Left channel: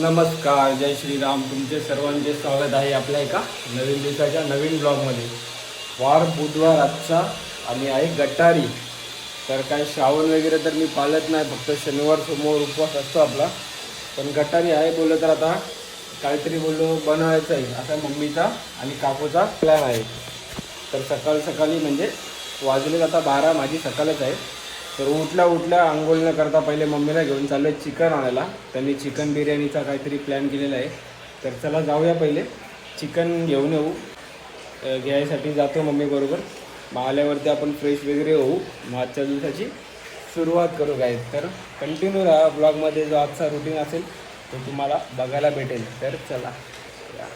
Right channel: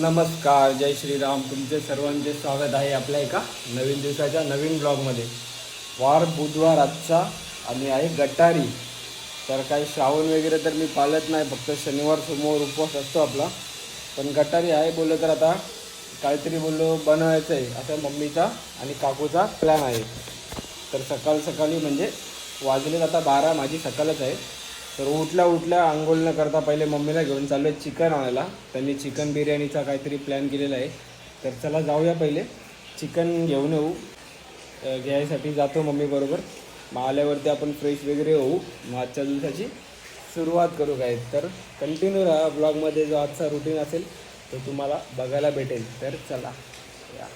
नमस्कार, जय श्रीराम. तुमचे सर्वांचे स्वागत आहे आपल्या एका नवीन दिवसाच्या नवीन ब्लॉगमध्ये. वार बुधवार आजचा आणि आहे गटारी. तर काही श्रावण वगैरे तर मी पाळत नाही, फक्त शनिवार सोमवार उपवास असतो आपला. पण गटारी आहे बोललं तर आता काहीतरी बोललो बनवायचं आहे, असा मम्मीचा आणि काकूचा प्लॅन आहे. तर सकाळी म्हणजे वाजलेत आता 12, माझी सकाळच आहे. तर उठल्या आंघोळ न करता पहिले मम्मीला घेऊन चाललो आहे चिकन आणायला. त्यांनी चिकन बिर्याणीचा काहीतरी प्लॅन केलेला आहे. तर चला जाऊया, पहिले चिकन घेऊन येऊ. घ्यायसाठी जातो मम्मीबरोबर. मग आल्यावरती आपण फ्रेश वगैरे होऊ, मग आजच्या दिवसाची सुरुवात करू. काय तर कंटिन्यू राहा ब्लॉगमध्ये. जो आजचा रुटीन असेल तो तुम्हाला बघायला भेटेल. तर चला या.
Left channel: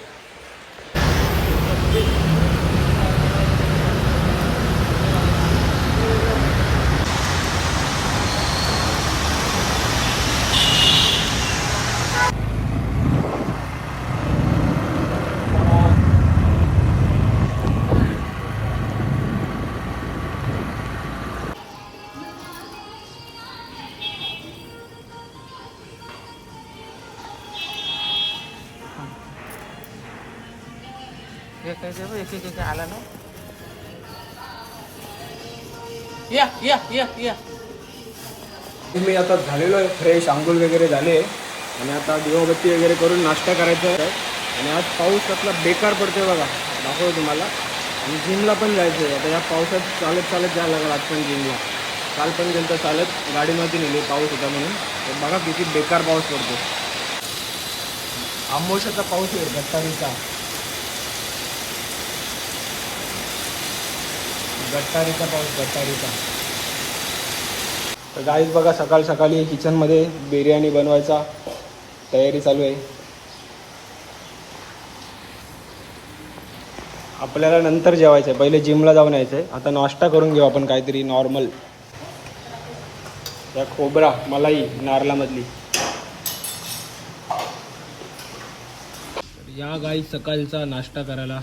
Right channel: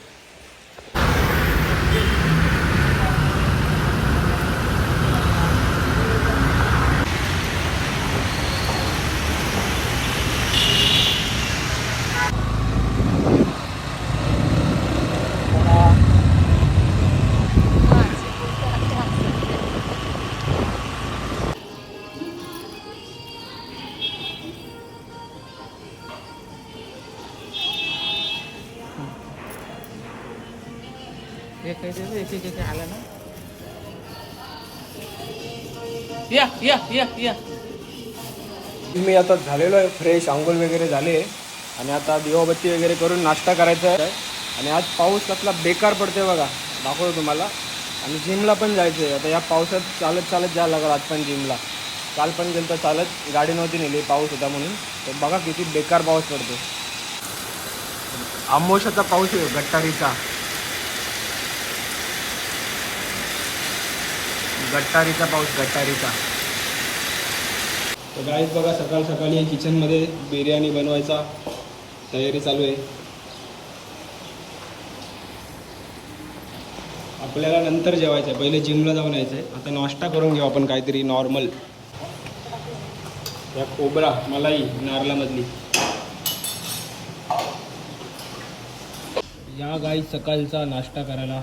एक आला ना. या मी आता झालेलो आहे फ्रेश, आंघोळ वगैरे झाले आणि आता दिवाबत्ती वगैरे करून नाश्ता करायचा आहे. आणि आज पाऊस कसला बेकार पडतोय बघा, दाखवतो तुम्हाला. आणि जिमला पण जायचं आहे. आता या पावसात चालत जायला लागलं आज पण जिमला. काल पण गेलं तर चालत, गाडी नव्हती नेली, पाऊस होता म्हणून. तर बघा किती बेकार पाऊस पडतो. आमोशाचा पाऊस आहे, गटारीचा. पाऊस गटारीचा. तर गाईज बघा, सकाळी किचनमध्ये बिर्याणी बनवायचा तयारी चालू आहे. आपल्याला नंतर जेवायचं आहे, पहिले जिमला जाऊन यायचं आहे. आता नाश्ता करून घेऊ आपण काहीतरी नॉर्मल. या खोबरा मलाई नारळामधली. या गाईज सकाळचा नाश्ता करायला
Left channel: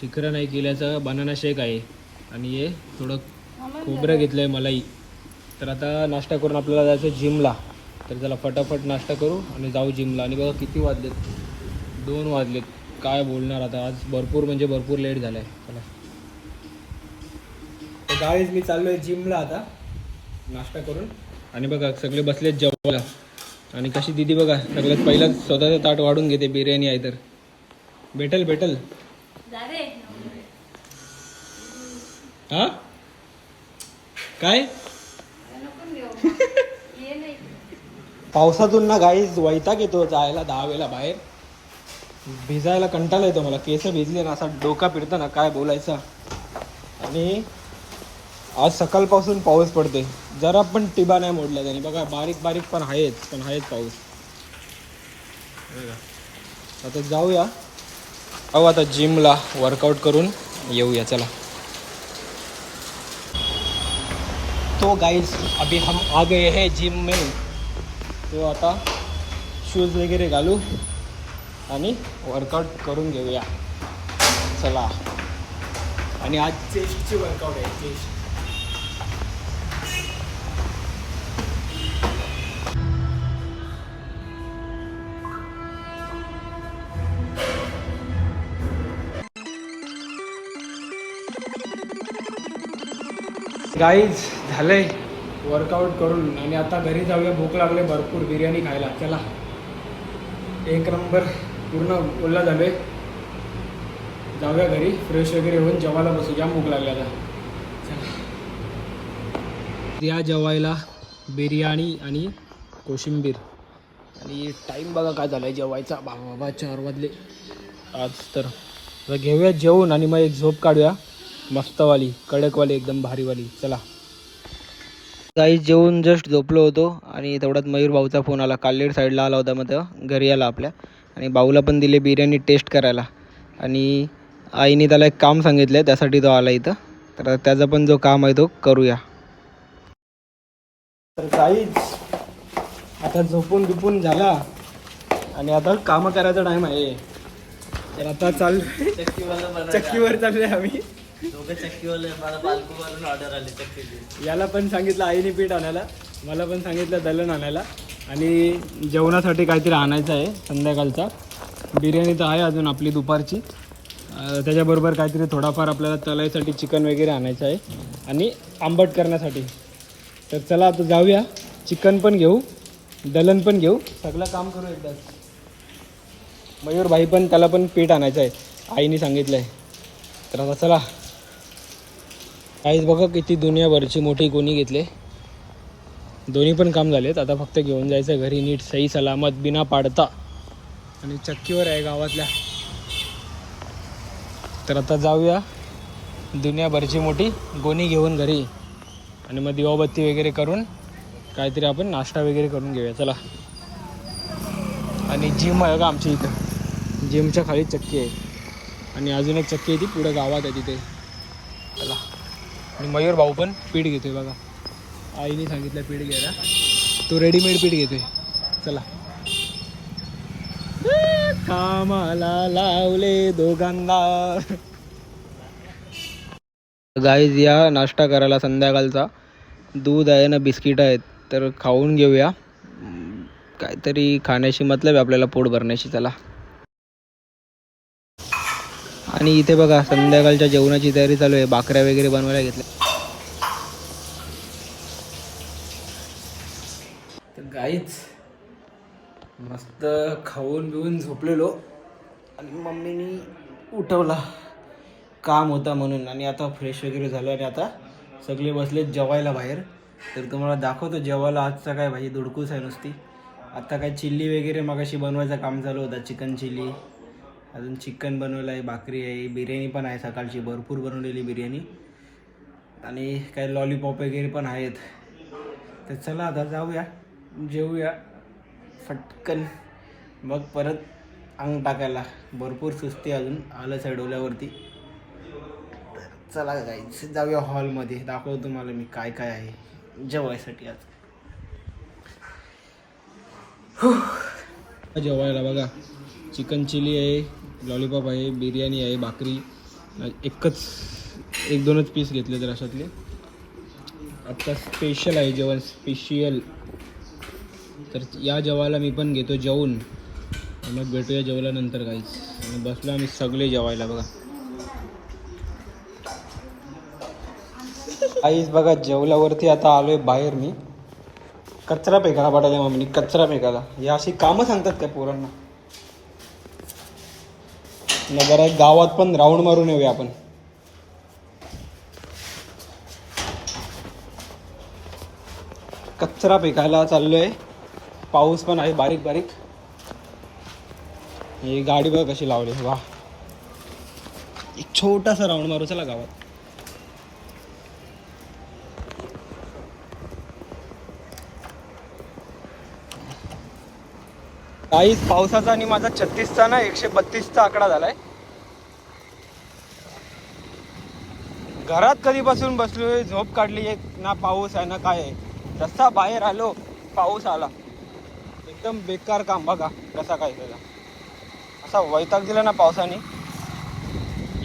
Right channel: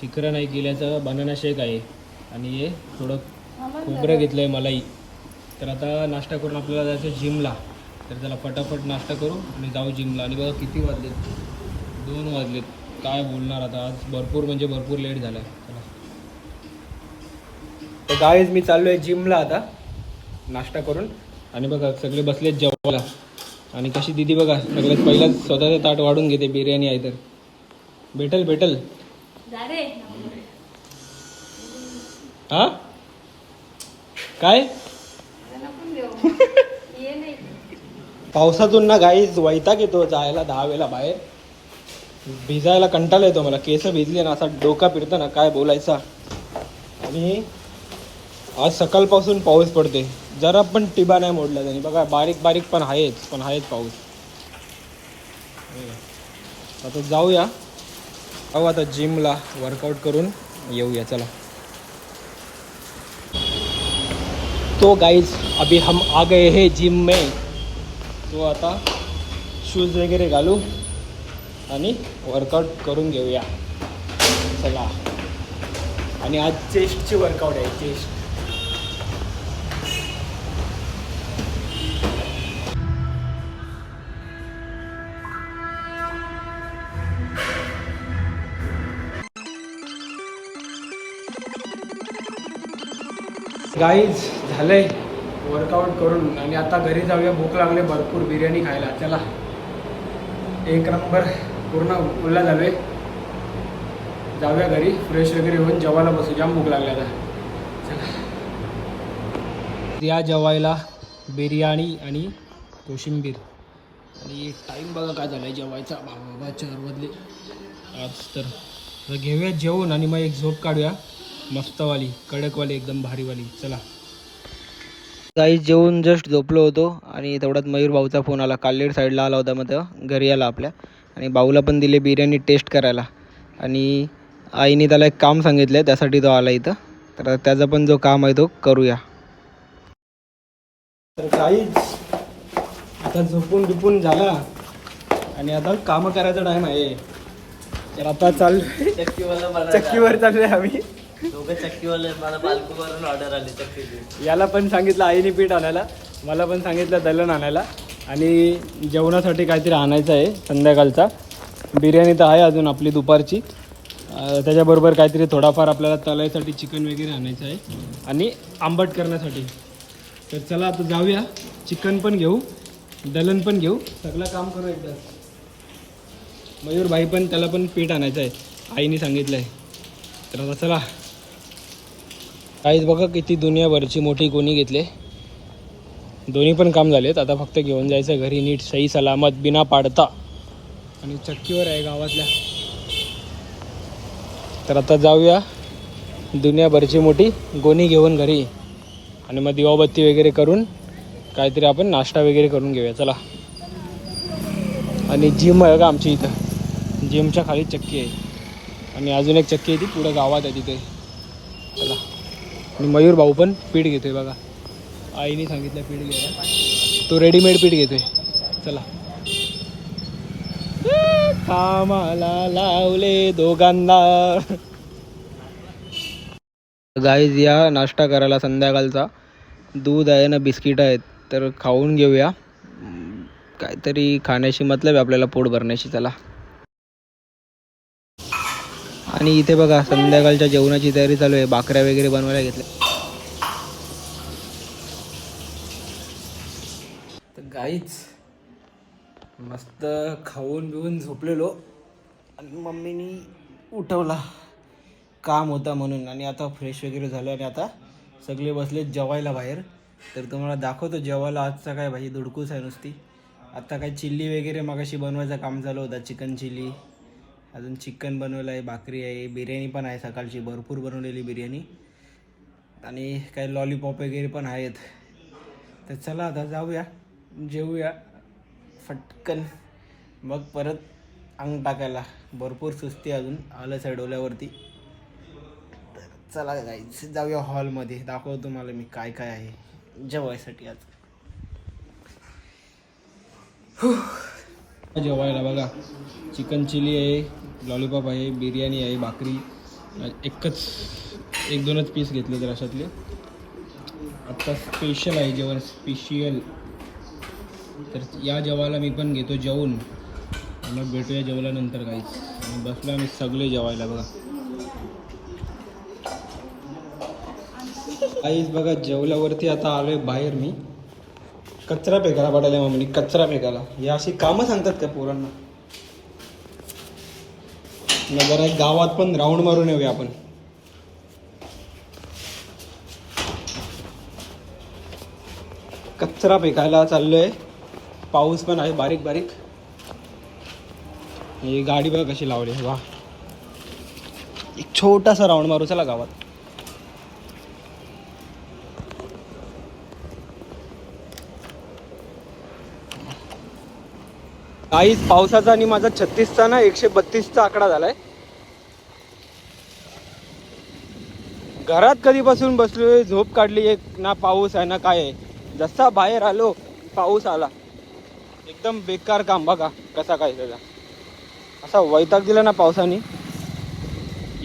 शिखर नाही केल्याचं बनाना शेक आहे आणि हे थोडं खोबरं घेतलं आहे मलाई. तर आता नाश्ता करून आपल्याला जायचं जिमला. तर चला फटाफट नाश्ता करू आणि जाऊ जिमला. आणि बघा किती वाजलेत, 2 वाजलेत. काय बोलणार आता, आज भरपूर लेट झालं आहे. चला तर गाईज मी चाललो आहे जिमला आता नाश्ता करून. आणि बघा सगळे बसलेत जेवायला. आणि कशी दिदी बघा, सगळ्यात पहिला स्वतःचं ताट वाढून घेते. बिर्याणी आहे तर भेटल. हा काय पावसातून ना गाईज वैताग येतो जायला 10 वेळा बाहेर. भिजायला कंटाळा येतो मला. केस भिजले ना असा डोका फिरतो ना, काय बोलायचा. आणि आज सकाळपासून पाऊस पडतोय, जरा पण टिबा नाही मोडला त्यांनी. बघा बारीक पण आहेच पाऊस. आता जाऊया, आता जिमला वर्कआउट करून येऊया. चला. तो गाइस अभी हम आ गए हैं जिम में. तो आता शूज वगैरे घालू आणि वर्कआउट करून घेऊया. चला. आणि आज चेस्टची वर्कआउट आहे, चेस्ट. गाईज झालंय वर्कआउट करून आणि आता घरी जाऊया. भूक लागले भरपूर बिर्याणी खायला. चला. 1 नंबर पूर्ण उरला झालोय. जाऊया घरी, फ्रेश वगैरे होऊन जेवायला बसू. जाम भूक लागली आता. चला या जेवायला बिर्याणी आणि कोशिंबीर. आणि टाईम बघा काय झालं आहे जेवायचा. बाबा 4 वाजले आज. तर घेऊया जेवून आणि मग एक झोप काढूया मस्तवाली, कडकवाली, एकदम भारीवाली. चला. काही जेवून जस्ट झोपलो होतो आणि तेवढ्यात मयूर भाऊचा फोन आला. काल्लेर साईडला आला होता, मग तेव्हा घरी आला आपल्या. आणि भाऊला पण दिले बिर्याणी टेस्ट करायला. आणि आईने त्याला एक काम सांगितलं आहे, त्यासाठी तो आला इथं. तर त्याचा पण जो काम आहे तो करूया. तर काहीच आता झोपून झाला आणि आता कामं करायचा टाईम आहे. तर आता चक्कीवर चाललोय आम्ही. दोघं चक्कीवाले. मला पालखूवरून ऑर्डर आली चक्कीची. याला पण सांगितलं आईने पीठ आणायला, मला पण सांगितलं दलन आणायला. आणि जेवणासाठी काहीतरी आणायचं आहे संध्याकाळचा. बिर्याणी तर आहे अजून आपली दुपारची. त्याच्याबरोबर काहीतरी थोडाफार आपल्याला तलायसाठी चिकन वगैरे आणायचं आहे आणि आंबट करण्यासाठी. तर चला आता जाऊया, चिकन पण घेऊ, दलन पण घेऊ, सगळं काम करू एकदाच. मयूर भाई पण, त्याला पण पीठ आणायचं आहे, आईने सांगितलं आहे. तर आता चला. आईच बघा किती दुनियाभरची मोठी गोणी घेतले. दोन्ही पण काम झालेत, आता फक्त घेऊन जायचं घरी नीट सही सलामत बिना पाडता. आणि चक्कीवर आहे गावातल्या. तर आता जाऊया, दुनियाभरची मोठी गोणी घेऊन घरी आणि मग दिवाबत्ती वगैरे करून काहीतरी आपण नाश्ता वगैरे करून घेऊया. चला. आणि जिम आहे का आमची इथं, जिमच्या खाली चक्की आहे आणि अजून एक चक्की आहे ती पुढं गावात आहे तिथे. चला. आणि मयूर भाऊ पण पीठ घेतोय बघा, आईने सांगितलं पीठ घ्यायला, तो रेडीमेड पीठ घेतोय. चला. कामाला लावले दोघांना. गाईज या नाश्ता करायला संध्याकाळचा. दूध आहे ना बिस्किट आहेत, तर खाऊन घेऊया. काहीतरी खाण्याशी मतलब आहे आपल्याला, पोट भरण्याशी. चला. आणि इथे बघा संध्याकाळच्या जेवणाची तयारी चालू आहे, भाकऱ्या वगैरे बनवायला घेतल्या. तर गाईच मस्त खाऊन बिऊन झोपलेलो आणि मम्मीनी उठवला, काम होता म्हणून. आणि आता फ्रेश वगैरे झालं आणि आता सगळे बसलेत जेवायला बाहेर. तर तुम्हाला दाखवतो जेवायला आजचा काय भाजी धुडकूस आहे नुसती. आता काय चिल्ली वगैरे मगाशी बनवायचं काम चालू होता, चिकन चिल्ली. अजून चिकन बनवलं आहे, भाकरी आहे, बिर्याणी पण आहे सकाळची भरपूर बनवलेली बिर्याणी. आणि काय लॉलीपॉप वगैरे पण आहेत. तर चला आता जाऊया, जेवूया फटकन, मग परत अंग टाकायला. भरपूर सुस्ती अजून आलं चढवल्यावरती. तर चला गाईज जाऊया हॉलमध्ये, दाखवतो तुम्हाला मी काय काय आहे जेवायसाठी आज. जेवायला बघा, चिकन चिली आहे, लॉलीपॉप आहे, बिर्याणी आहे, भाकरी. एक दोनच पीस घेतले तर अशातले. आत्ता स्पेशल आहे जेवण, स्पेशल. तर या जेवायला मी पण घेतो जेवून, मग भेटूया जेवल्यानंतर काहीच. आणि बसलो आम्ही सगळे जेवायला बघा. काहीच बघा जेवल्यावरती आता आलोय बाहेर मी. कचरा फेकायला पाठायला मम्मी, कचरा फेकायला. हे अशी कामं सांगतात का पोरांना. जरा गावात पण राऊंड मारून येऊया आपण. कचरा फेकायला चाललोय, पाऊस पण आहे बारीक बारीक. ही गाडी बघा कशी लावली, वा. एक छोटासा राऊंड मारू चला गावात. काहीच पावसाचा आणि माझा 36चा ना 132चा आकडा झालाय. घरात कधीपासून बसलोय, झोप काढली, ना पाऊस आहे ना काय आहे. जसा बाहेर आलो पाऊस आला. एकदम बेकार काम बघा कसा काय त्याचा. असा वैताग दिला ना पावसाने,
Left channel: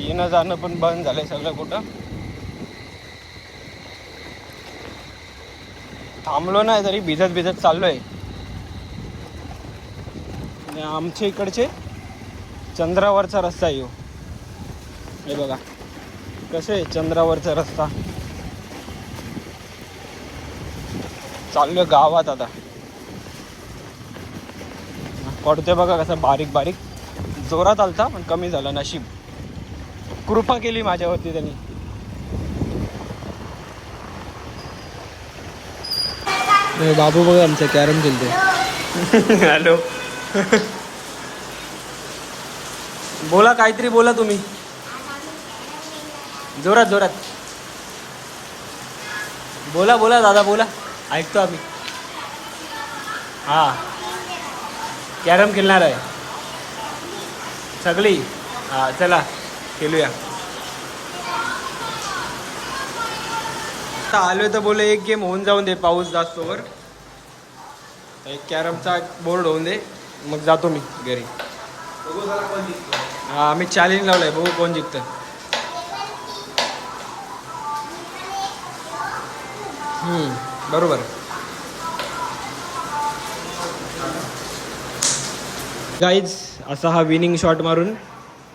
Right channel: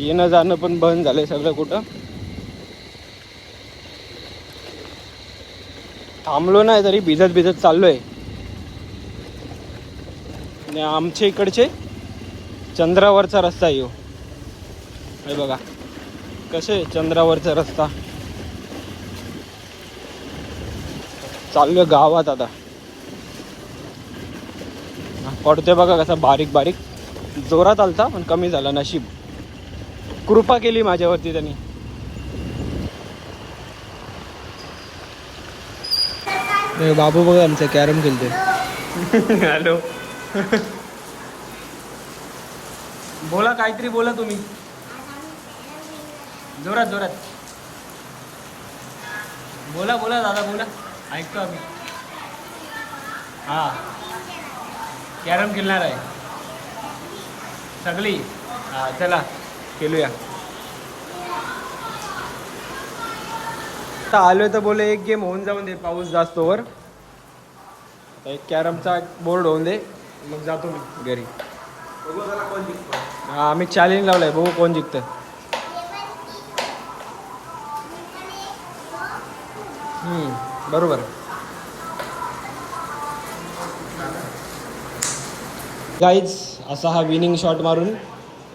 येणं जाणं पण बंद झालं सगळं. कुठं थांबलो नाही तरी भिजत भिजत चाललोय. आणि आमच्या इकडचे चंद्रावरचा रस्ता आहे हे बघा, कसे चंद्रावरचा रस्ता. चाललोय गावात आता. पडतोय बघा कसा बारीक बारीक. जोरात आलता पण कमी झाला, नशीब. कृपा केली माझ्यावरती त्यांनी. बाबू बघा आमचं कॅरम खेळतोय. हॅलो. बोला काहीतरी बोला तुम्ही, जोरात जोरात बोला. बोला दादा बोला, ऐकतो आम्ही. हां कॅरम खेळणार आहे सगळी. हां चला खेळूया. आता आलोय तर बोले एक गेम होऊन जाऊन दे, पाऊस जास्तोवर. एक कॅरमचा बोर्ड होऊन दे, मग जातो मी घरी. हां आम्ही चॅलेंज लावलाय, बघू कोण जिंकतं. बरोबर. गाईज असा हा विनिंग शॉट मारून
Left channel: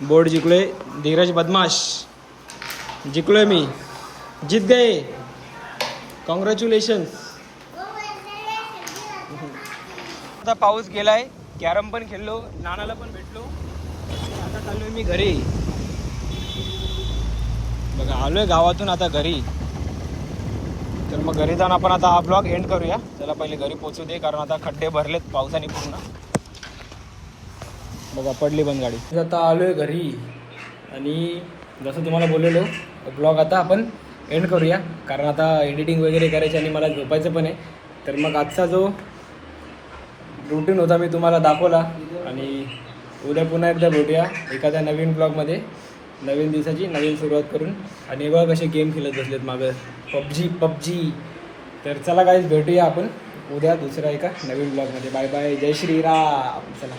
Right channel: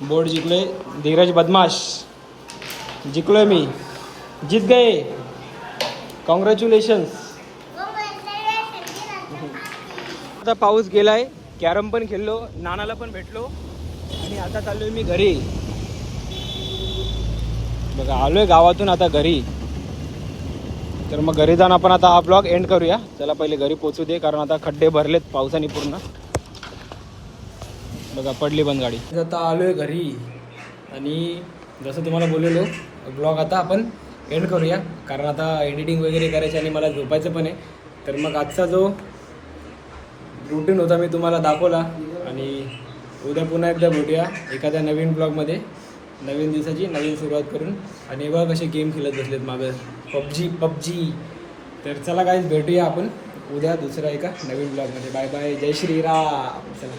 बोर्ड जिंकलोय. धीरज बदमाश जिंकलोय मी. जीत गए. कॉंग्रॅच्युलेशन्स. आता पाऊस गेलाय. कॅरम पण खेळलो, नानाला पण भेटलो आणि आता चाललोय मी घरी. बघा आलोय गावातून आता घरी. तर मग घरी जाऊन आपण आता हा ब्लॉग एंड करूया. त्याला पहिले घरी पोहोचू दे, कारण आता खड्डे भरलेत पावसाने पूर्ण. बघा पडली पण गाडी. आता आलोय घरी आणि जसं तुम्हाला बोललेलो ब्लॉग आता आपण एंड करूया, कारण आता एडिटिंग वगैरे करायची आणि मला झोपायचं पण आहे. तर मग आजचा जो रुटीन होता मी तुम्हाला दाखवला आणि उद्या पुन्हा एकदा भेटूया एखाद्या नवीन ब्लॉगमध्ये, नवीन दिवसाची नवीन सुरुवात करून. आणि बघा कसे गेम खेळत बसलेत मागं, पबजी. तर चला गाईज भेटूया आपण उद्या दुसऱ्या एका नवीन ब्लॉगमध्ये. बाय बाय, जय श्रीराम. चला.